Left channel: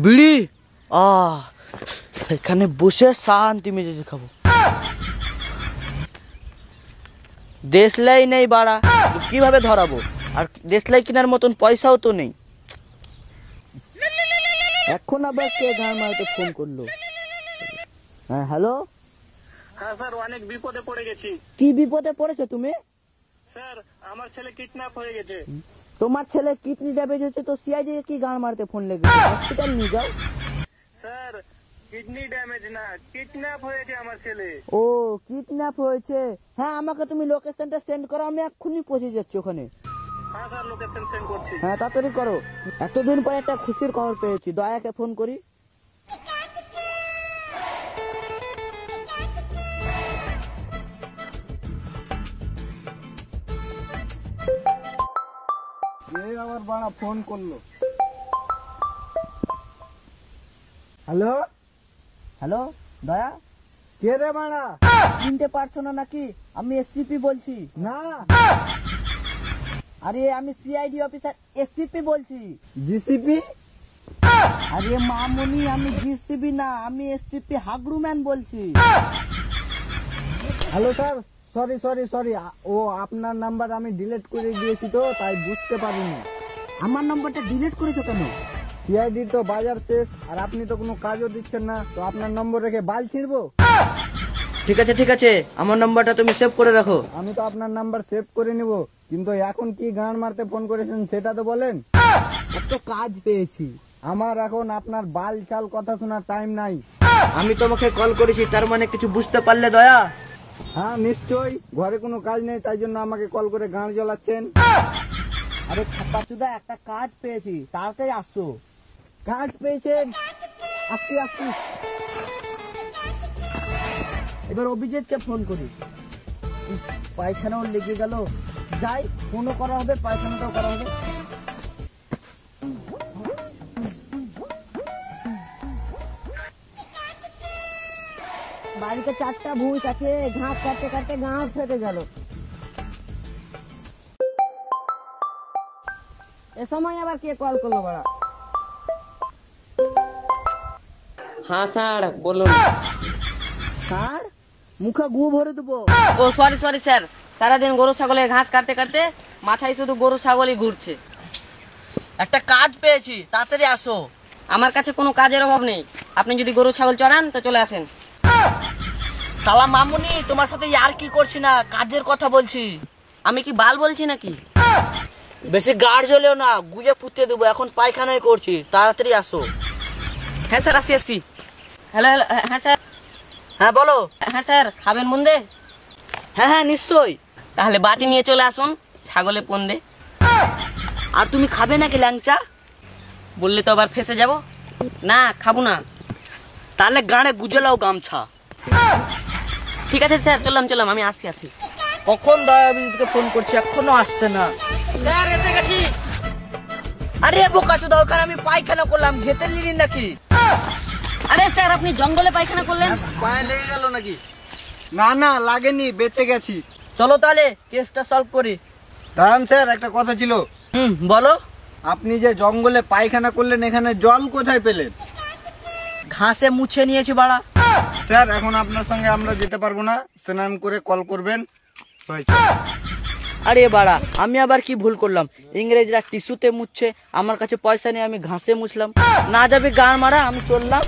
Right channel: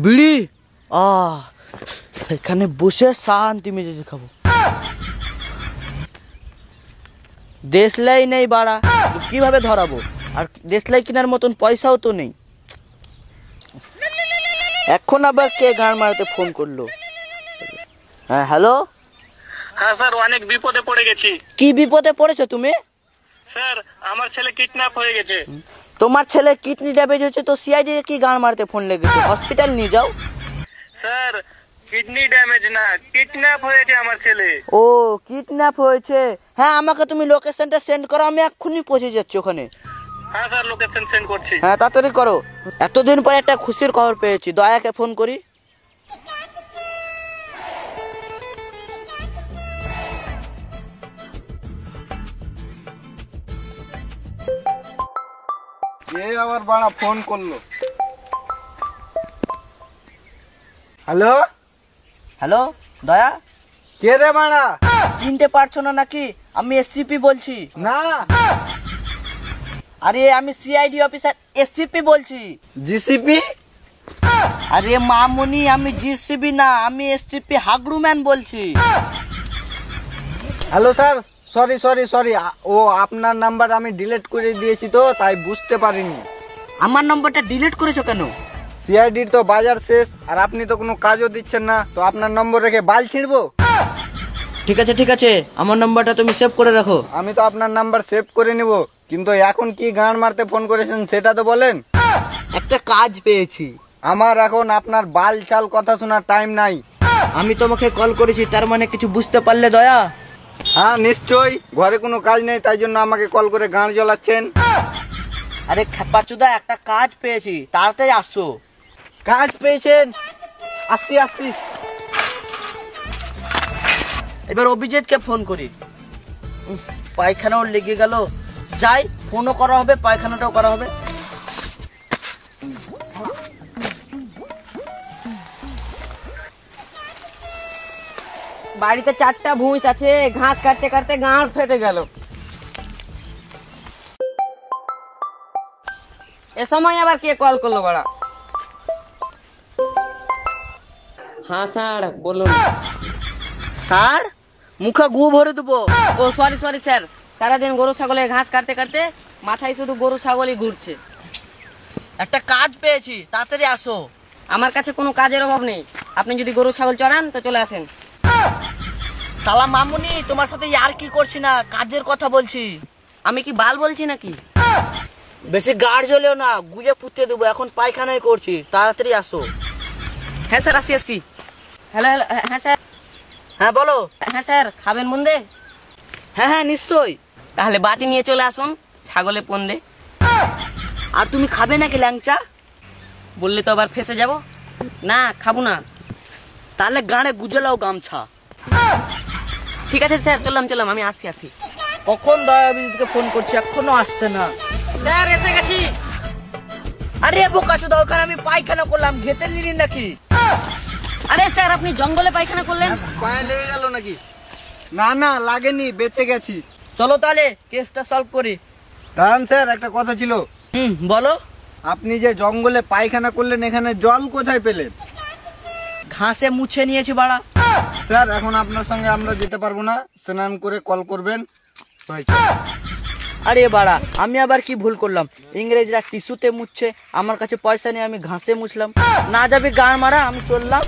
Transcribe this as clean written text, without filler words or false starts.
বিড়ি সেখানে বসে শান্তি মেজাজে খাবো। দেশলাই নেই বাড়া, কিভাবে ধরাবো? আর দেশলাই কেনার মতন পয়সাও তো নেই। এখন আবার কে গান মারতে ফোন করলো? হ্যাঁ হ্যালো। হ্যাঁ স্যার, অনেক বিপদে পড়ে গেছি। কি বিপদে পড়েছো তুমি? স্যার, আমার ছেলে কিডন্যাপ হয়ে গেছে। তোমার ছেলে কিডনি ড্যামেজ হয়েছে তো সিআইডি কি গান মারতে ফোন লেগেছে? হসপিটাল নিয়ে যাও। স্যার, কিডনি ড্যামেজ না, কিডন্যাপ হয়েছে আমার ছেলে। ও কিডন্যাপ হয়েছে? হ্যাঁ আমাকে তুমি লোকেশনটা সেন্ড করো, আমি এক্ষুনি পৌঁছে যাচ্ছি ওখানে। হ্যাঁ স্যার, লোকেশন সেন্ড করছি। হ্যাঁ তাড়াতাড়ি করো। এতদিন পরে একটা খুশির খবর পেয়েছি, দয়াকে ফোন করি। কে আবার বাড়া ফোন করলো? হ্যালো হ্যালো দয়া। কে রে বাড়া? চিনতে পারছো না নাকি? আমি এসসিপি বলছি। না, আরে আমি সিআইডি অফিসার এসসিপি বলছি। জিসিপি? আরে মামুনি, আমি জিসিবি না, আমি এসসিপি হাগড়ু ম্যান বলছি। Hello sir, sorry sorry sorry, ও আপনার নাম্বার আমি ডিলিট করে দিয়েছি তো তাই বুঝতে পারিনি। আমার নম্বরটা ডিলিট করেছো কেন? সিআইডির তো বাজার শেষ আর আপনি তো কোনো কাজও দিচ্ছেন না, তো আপনার নম্বর রেখে বাল ছিঁড়বো? ঠিক আছে ঠিক আছে, আমার নম্বরটা তুমি সেভ করে রাখো। আমি তো আপনার নাম্বার সেভ করে নিব, কিন্তু এখন কি গান মারতে ফোন করেছেন সেটা তো বলেন। একটা কাজ পেয়েছি। আমার এখন আপনার বাল চাল কথা শোনার টাইম নাই। আমি তোমাকে কল করেছি, তার মানে কিছু বুঝতে পারলে দয়া? হ্যাঁ নিশ্চয়ই, ঘরে কোনো কাজ নেই তাই জন্য আমাকে কল করে গান জ্বলাচ্ছেন। আরে খেপাচুদা, একটা কাজ পেয়েছি, তাড়াতাড়ি আসছো। কাজ পেয়েছেন? আসছি আসছি। এবার অভিজিৎকে ফোন করি। পায়খানাও লেগে গেল, যাই ফোনও করা হবে, পায়খানাটাও করা হবে। বাড়িতে 4টা ভুঁইস আছে, ঘাস কাটতে কাটতে গাঁট ফেটে গেল। এ সময় আবার কে কল করলো বাড়া? হ্যাঁ স্যার বলুন। স্যার, মুখে গু ভরে দেবো। ও সরি সরি স্যার, সারাদিন গরু ছাগলের ঘাস কাটতে কাটতে মাথায় শুধু গরু ছাগলই ঘুরছে। একটা কাজ পেয়েছি, তাড়াতাড়ি আসো। আমার কাছে কোনো কাজের অভাব নেই, আপনি যদি গরু ছাগল চড়ান তো চলে আসেন। সালা মামুনি, তোমার সাথে আর কি করছি না, কাজের কথা বলছি। আমি কি বাল বলছি নাকি? বেশি গাড় জ্বলেও না, গুজে পুঁতে দেবো, এখন পায়খানায় করছি, তাড়াতাড়ি আসো। হ্যাঁ স্যার আসি আসি। হ্যালো হ্যালো, হ্যাঁ স্যার। হ্যাঁ বলো। হ্যাঁ স্যার, খাবেন মুন্দে? হ্যাঁ হ্যাঁ নিশ্চয়ই। তাহলে বাটি নিয়ে চলে আসুন, ছাগলে পন্দে। আর তুমি খাবে নাকি ল্যাংচা? বললে তো আবার ফেসে যাব। না খাবো না। তাহলে গাড়ে গুজে লাও গামছা। ঠিক আছে স্যার, চললাম, আমি আসি আসি। কখন দয়াবিদিকে ফোন করছি, এখনো আসছে না। স্যার এসে গেছি। আরে বোকাচো দাও, ওখানে আমি পায়খানা করলাম, ঘেটে নিলি নাকি? আরে স্যার, আপনি জঙ্গলে পায়খানা করলেন? পায়ে লেগে গেল নাকি? না না লাগেনি, বেঁচে গেছি। চলো তাহলে কেসটা সলভ করি। দাঁড়ান স্যার, একটা কথা ছিল। বলো। আপনি যে জঙ্গলে পায়খানা করলেন, এখানে জল কোথায় পেলেন? ঘাসে মুছে নিয়েছি বাড়া। স্যার এখন আপনার সঙ্গে আমরা যেতে পারবো না, স্নান করে কল করবেন। আরে বাড়া, আমি আবার কি ভুল করলাম? ইংরেজরা টিস্যুতে মুছছে, আমার কাছে পয়সা নেই, আমি ঘাসে মুছলাম। না যাবে গান মারা, আমি চললাম।